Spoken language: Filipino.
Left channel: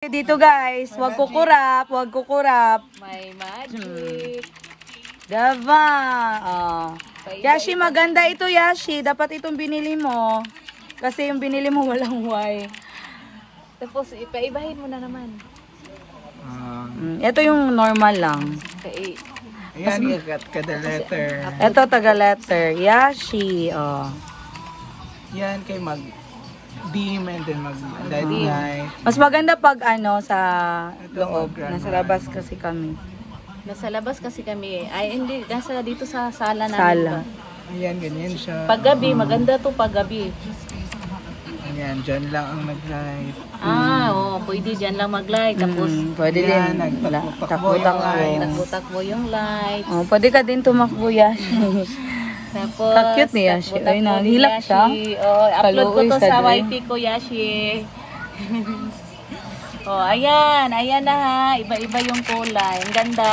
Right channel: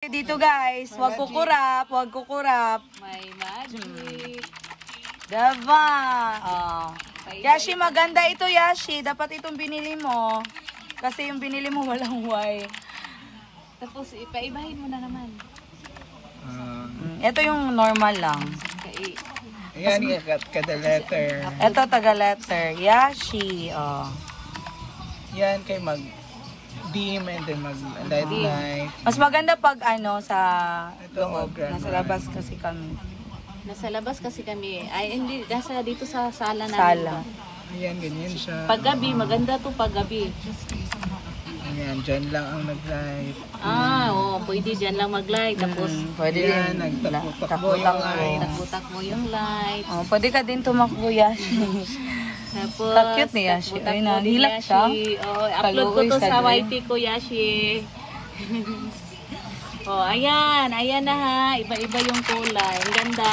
Dito guys, wag kukurap. May magic. Dava. Oh. Yashi, maganda ito Yashi. Dapat itong binili mo. Kasi yung binili mo walang Y. Tapos ipaibahin mo na naman. Ito yung normal lang. Okay. Ayan, kada letter. Ito taga letter. Yashi. Oh. Yan kay mag beam and then mag light. Mas maganda pag ano sa loob. Nasa labas kasi kami. Nasa labas kasi kami. Ay, hindi. Nasa dito sa sala namin. Sala. Ayan, ganyan siya. Paggabi, maganda to paggabi. Ayan, dyan lang ang nag-light. Pwede dyan lang mag-light. Tapos, Pwede Ayan, din. nagtakbo yung light. nagtutakbo yung light. Oh, pwede ka din tumakbo Yashi. Tapos, Cute ni Yashi. takbo-takbo Ay, ni nanilap Yashi. siya. Upload ko to Kaluoy sa sa YT ko, Yashi. Ayan. Ayan na ha. Iba-iba yung kulay. Ang ganda.